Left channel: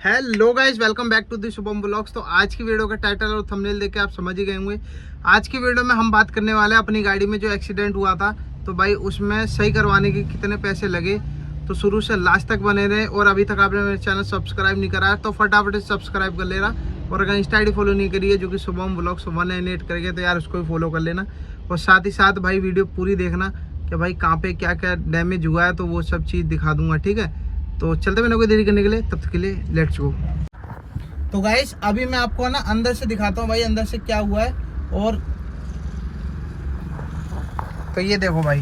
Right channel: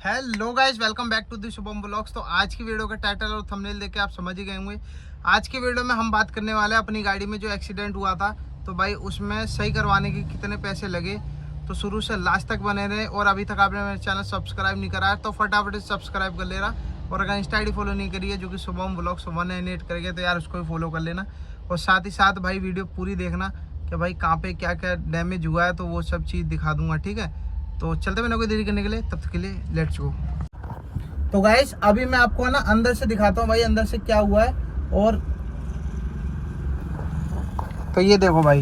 Hello guys, welcome back to the Shubham blogs. तो आज की वीडियो का टाइटल और थंबनेल देख के आप समझ ही गए होंगे। आज की वीडियो में हम बात करने वाले हैं अपनी गाड़ी में जो एक्सीडेंट हुआ था, तो भाई उसमें सही करवाने के कितने पैसे लगे। तो शुरू से लास्ट तक बने रहे और अभी तक आपने मेरे चैनल सब्सक्राइब नहीं करा है तो फटाफट से सब्सक्राइब कर लेना। और अगर इंस्टा आईडी फॉलो नहीं करी है जो कि शुभम ब्लॉग्स 198 करके, तो यार उसको भी फॉलो कर लेना। और साथ ही साथ भाई वीडियो पूरी देखना कि भाई कहाँ पे क्या क्या डैमेज हुआ है, तो वो सब चीज़ दिखा दूंगा, ठीक है। तो चलते मैंने कोई देरी करने के लिए, तब तक के लिए लेट्स गो। तो गाइस अभी मैं आपको ना अंदर से दिखाता हूँ भाई अंदर से क्या हुआ है। और तो ये देखो भाई,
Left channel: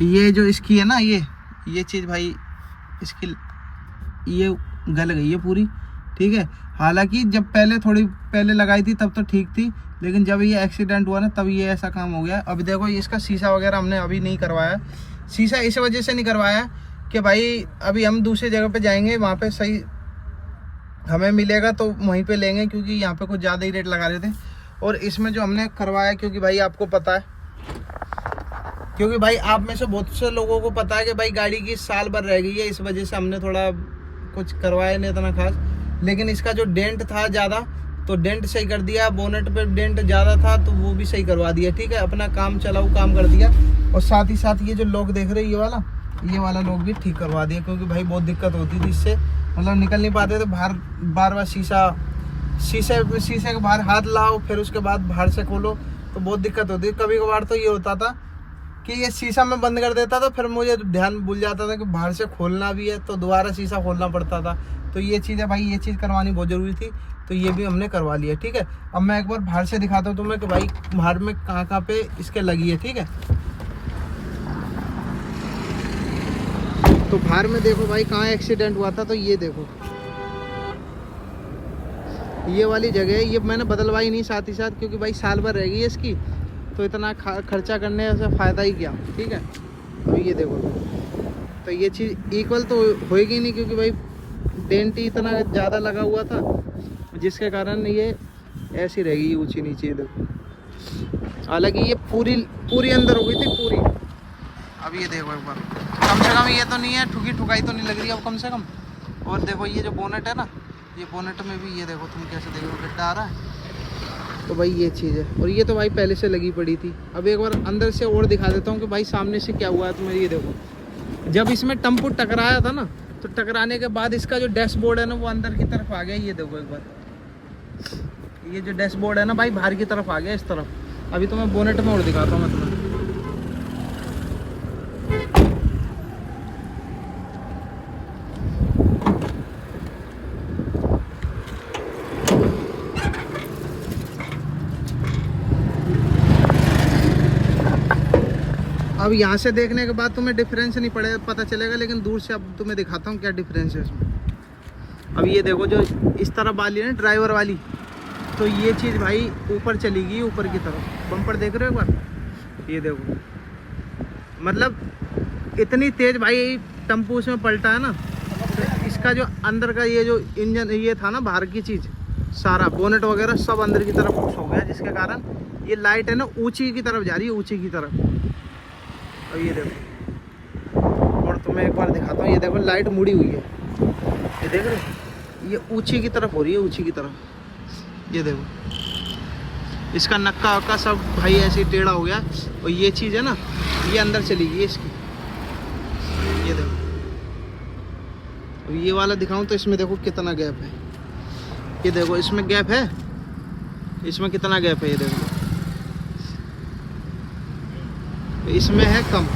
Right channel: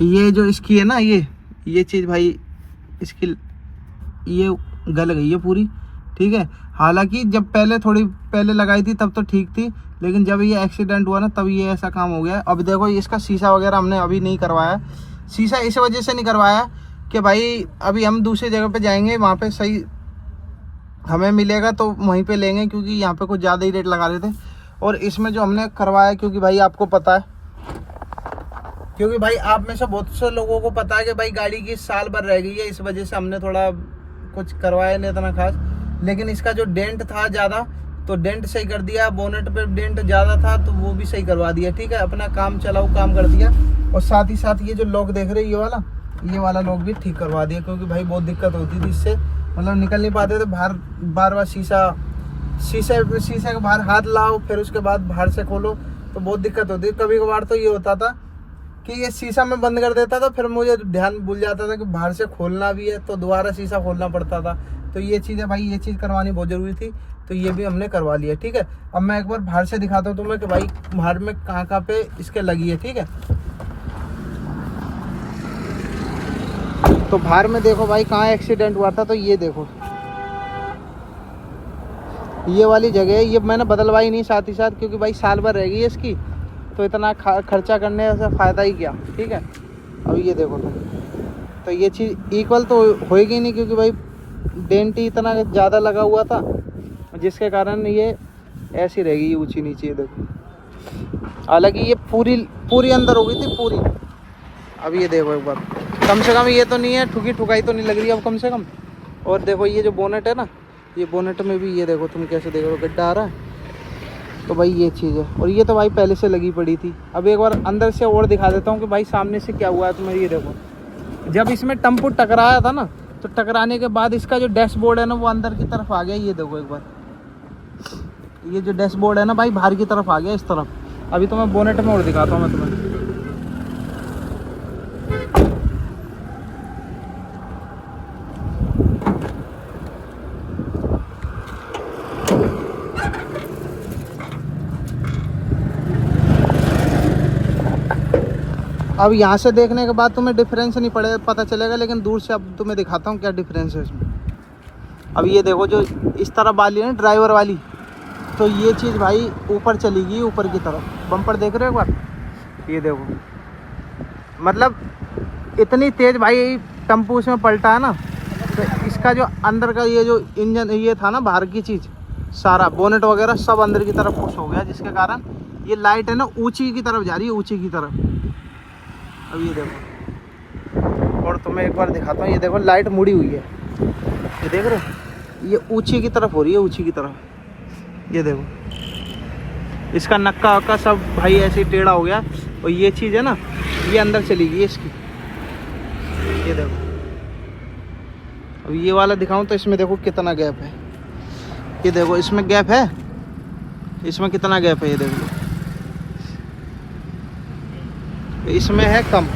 ये जो इसकी है ना ये चीज़ भाई इसकी ये गल गई है पूरी, ठीक है। हालांकि जब थोड़ी पहले लगाई थी तब तो ठीक थी, लेकिन जब ये एक्सीडेंट हुआ ना तब ये ऐसा काम हो गया। अब देखो इसका शीशा वगैरह हमने अभी नहीं करवाया। शीशा इस वजह से नहीं करवाया कि भाई अभी हम दूसरी जगह पे जाएंगे, वहाँ पे सही हमें मिलेगा तो वहीं पे लेंगे, क्योंकि यहाँ पे कुछ ज़्यादा ही रेट लगा रहे थे। और इसमें जो हमने करवाया, क्योंकि भाई आपको पता है, क्योंकि भाई आप में से बहुत से लोगों को पता है कि भाई गाड़ी की साल भर रह गई है, इस वजह से हमने थोड़ा कुछ करवाया नहीं इतना खास। लेकिन इसका जो डेंट था ज़्यादा, तो डेंट सही कर दिया। बोनेट पे डेंट ज़्यादा था तो वो भी सही करवा दिया, ठीक है। अपना काम चलाऊ काम कर दिया। और साथ ही साथ ये जो लॉक देख रहे हैं ये वाला लॉक भी ठीक करवा दिया, क्योंकि भाई बहुत दिक्कत होती थी इससे, मतलब निकल नहीं पाते थे बाहर। बार शीशे के बाहर हाथ लाओ, फिर उसके बाद बाहर से खोलो, तो बहुत दिक्कत होती है। कभी कभार तो ये होता था कि ये शीशा में बंद कर देता था, फिर मुझे ध्यान भूल जाता था कि बाहर से खोलना भी है, तो दोबारा शीशा खोलना पड़ता था। तो ये चीज़ है भाई, ये चीज़ करवानी बहुत ज़रूरी थी, तो ये भी हमने करवा लिया, ठीक है। अब मैं एक बार बाहर से दिखाता हूँ तुम्हें कि भाई बाहर में कहाँ पे इसके लगी है, ठीक है। तो बाहर में देखो भाई कहाँ एक्सीडेंट हुआ था, तो ये देखो ये वाली जगह है। ये मैंने बदलवाई नहीं साथ ही साथ, क्योंकि भाई साल भर रह गई है इसकी, तो इतना खर्चा करने से फ़ायदा ही क्या, ठीक है। अब ये देखो तो ये चीज़ इक्वल तो होएगी नहीं, क्योंकि भाई डेंट ही इतना ज़्यादा लगा हुआ था, जिसके कारण ये ऐसी रह गई ऊँची नीचे। देखो हालांकि ये पूरी अंदर हो गई थी पूरी। अब ये देखो एक बार, कम से कम ये तो नहीं है ठुकाई तो नहीं लग रही अब कम से कम। और देखो ये जो बोनेट है ना, ये बोनेट में भी ये देखो, तुम कैसे देख रहे हो गड्ढा आ रहा है, तो भाई ये चीज़ है। और ये तो भाई पहले से लगी पड़ी थी। अब एक बार अंदर से और दिखा देता हूँ कि भाई सामने से क्या हुआ है तुम्हें। ये देखो, जब इसमें टम्पू टकराया था ना, तो टकराने के बाद इसका जो डैशबोर्ड है ना वो अंदर की तरफ आ गया। ये देखो एक बार, ये जो डैशबोर्ड है ना भाई बाहर की तरफ आ गया इस तरफ। अभी तो मैं बोनेट में और दिखाता हूँ मैं तुम्हें। अब यहाँ से देखने के बाद तुम्हें डिफरेंस नहीं पता चलेगा, लेकिन दूर से अब तुम्हें दिखाता हूँ क्या डिफरेंस है इसमें। अब ये देखो जो इस तरफ वाली है ना ड्राइवर वाली, तो ये चीज़ भाई ऊपर चली गई, ऊपर की तरफ। बम्पर देख रहे हो एक बार, ये देखो, मतलब इतनी तेज़ भाई टेम्पो उसमें पलटा है ना, तो इसका जो अंदर का ये जो इंजन ये था ना, बाहर की चीज़ सारा बोनेट वगैरह सब अंदर की तरफ पुश हो गया, जिसके कारण ये लाइट है ना ऊँची की तरफ जा रही है, ऊँची की तरफ। अब ये देखो, और तुम्हें एक बार दिखाता हूँ, ये देखो लाइट मुड़ी हुई है, ये देख रहे हो, ये ऊँची की तरफ हो रही है, ऊँची की तरफ। ये देखो इसका नक्का वक्का सब भाई ऐसे ही टेढ़ा हो गया। और ये चीज़ है ना, ये अंदर चली गई इसकी। ये देखो, अब ये वाला दिखाऊं तो इसमें देखो कितना गैप है। ये देखो इसमें गैप है, इसमें कितना गैप है, ये देखो इसमें है कम।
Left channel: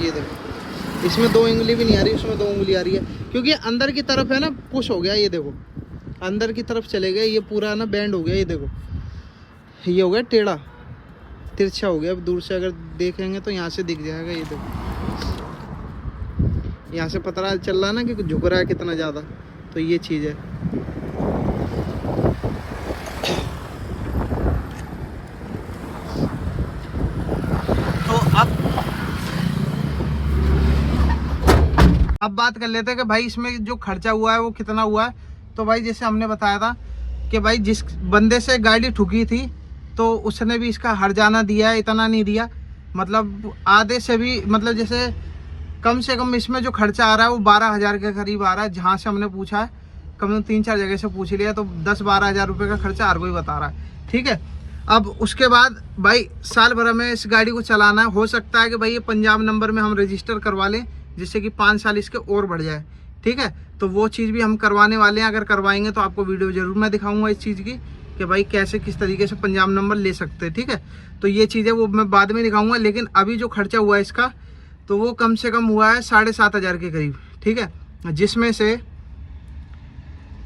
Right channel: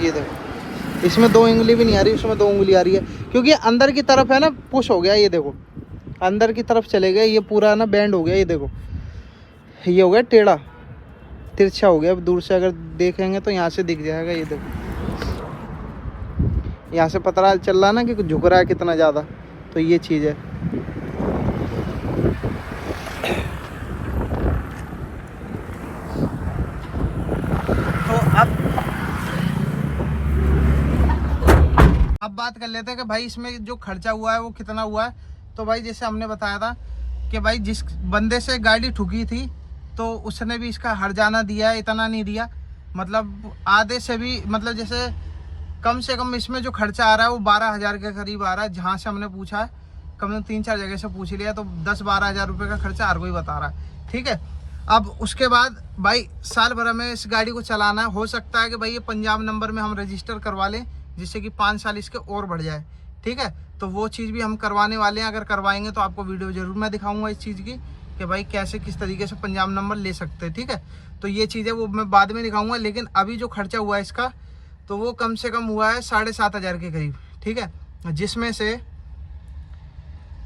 ये देखो इसमें 2 उंगली भी नहीं आ रही, उसमें 2 उंगली आ रही है, क्योंकि अंदर की तरफ है ना पुश हो गया। ये देखो अंदर की तरफ चले गए, ये पूरा ना बैंड हो गया। ये देखो ये हो गया टेढ़ा तिरछा हो गया। अब दूर से अगर देखेंगे तो यहाँ से दिख जाएगा। ये देखो यहाँ से पता चल रहा है ना कि झुक रहा है कितना ज़्यादा, तो ये चीज़ है। तो अब बात कर लेते हैं कि भाई इसमें जो खर्चा हुआ है वो कितना हुआ है। तो भाई जैसे हमने बताया था कि भाई जिस बंदे से गाड़ी ठुकी थी, तो उसने भी इसका हर्जाना दिया है, इतना नहीं दिया, मतलब आधे से भी, मतलब जैसे कम से कम इसमें जो खर्चा आ रहा है वो 12,000 के करीब आ रहा है, जहाँ से हमने पूछा है। कम से कम 3-4 जगह से पूछ लिया तो 10-12 हज़ार रुपये का खर्चा हर कोई बता रहा है। ठीक है, अब उसके बाद भाई साल भर में इस गाड़ी को चलाना है। हो सकता है कि भाई ये पंजाब नंबर में हम रजिस्टर करवा लें, जिससे कि 5 साल इसके और बढ़ जाए। ठीक है, तो वो चीज़ भी हम करवाने वाले हैं। अगर करवाएंगे तो आपको वीडियो जरूर मैं दिखाऊंगा इस चीज़ की कि भाई कैसे किस तरीके से पंजाब नंबर ले सकते हैं। ठीक है, तो ये चीज़ है वो मैं बाद में दिखाऊंगा। लेकिन अभी जो खर्चा हुआ है इसका, तो वो कम से कम हुआ है 7,500 के करीब। ठीक है, जिसमें से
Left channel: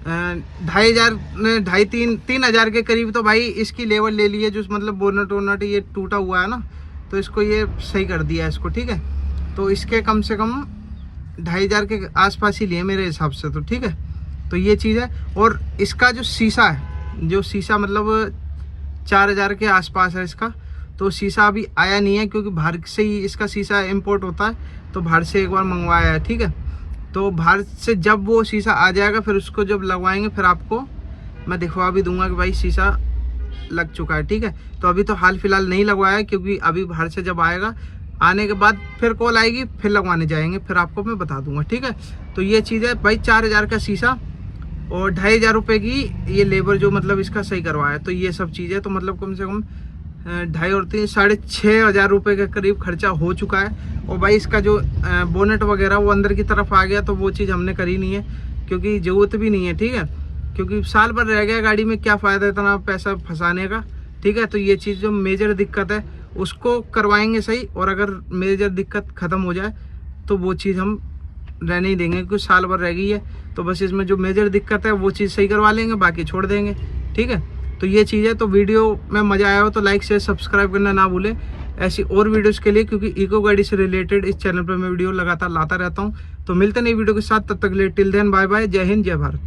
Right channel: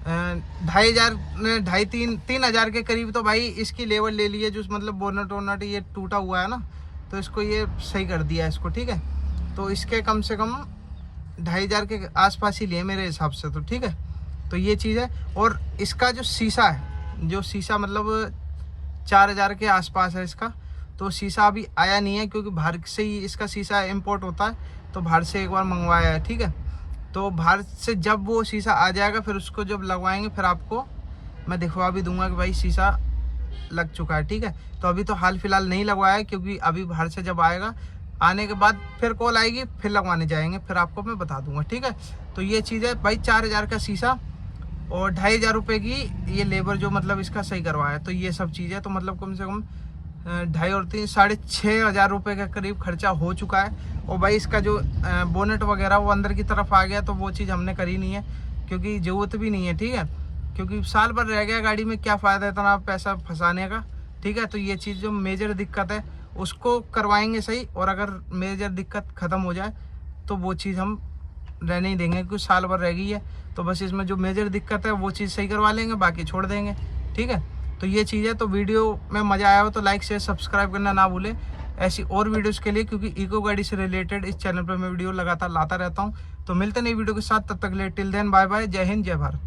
2,500-3,000 के करीब तो भाई इसकी लेवल ले ली है, जो मतलब बोनट वोनट ये टूटा हुआ है ना, तो इसको ये सही कर दिया है इसको। ठीक है, तो इसके कम से कम 2,500 के आसपास ही लिए मेरे हिसाब से तो। ठीक है, तो ये चीज़ है। और इसका जो शीशा है, जो शीशा मतलब 4,000 के आसपास है इसका, तो शीशा अभी आया नहीं है क्योंकि बाहर से ही इसका शीशा इंपोर्ट होता है, तो बाहर से एक बार मंगवाया है। ठीक है, तो बाहर से जब वो शीशा आ जाएगा फिर उसको जब लगवाएंगे फिर आपको मैं दिखवा भी दूंगा कि भाई शीशा लग चुका है। ठीक है, तो अभी तो हाल फिलहाल नहीं लगवाया है क्योंकि अभी बाहर से जब आएगा, आने के बाद फिर कॉल आएगी, फिर लगवाने जाएंगे, फिर आपको मैं बता दूंगा। ठीक है, तो ये चीज़ है भाई, 4,000 का शीशा और 2,500 रुपये की ये लेबर जो मतलब इसका सही करवाया, तो ये सब चीज़ है। तो मतलब कम से कम 2,500 और 3 6,500 रुपये के करीब खर्चा हो चुका है। और भाई इसका जो बोनेट वगैरह वो अंदर की तरफ आ गया, तो वो चीज़ हमने करी नहीं है क्योंकि ज़रूरत भी नहीं है। ठीक है, क्योंकि साल भर रह गया गाड़ी में, क्या फ़ायदा इतना पैसा फंसाने का। ठीक है, तो ये चीज़ जो मेजर दिक्कत है उसको करवाएंगे सही, और अगर मेजर दिक्कत ख़त्म हो जाए तो वो चीज़ हम रहने ही देंगे क्योंकि साल भर रह गई है। तो बस इसमें जो मेजर दिक्कत है वो चीज़ सही करवा लेंगे, बाकी छोड़ देंगे। ठीक है, तो ये चीज़ है। तो वीडियो में मज़ा आया हो तो लाइक शेयर सब्सक्राइब करना ना भूलें ऐसी और वीडियोस के लिए, क्योंकि इको गाड़ी से रिलेटेड इस चैनल पर मैं वीडियो लगातार लाता रहता हूँ। तो मिलते हैं नई वीडियो के साथ, तब तक के लिए टिल देन बाय बाय, जय हिंद जय भारत।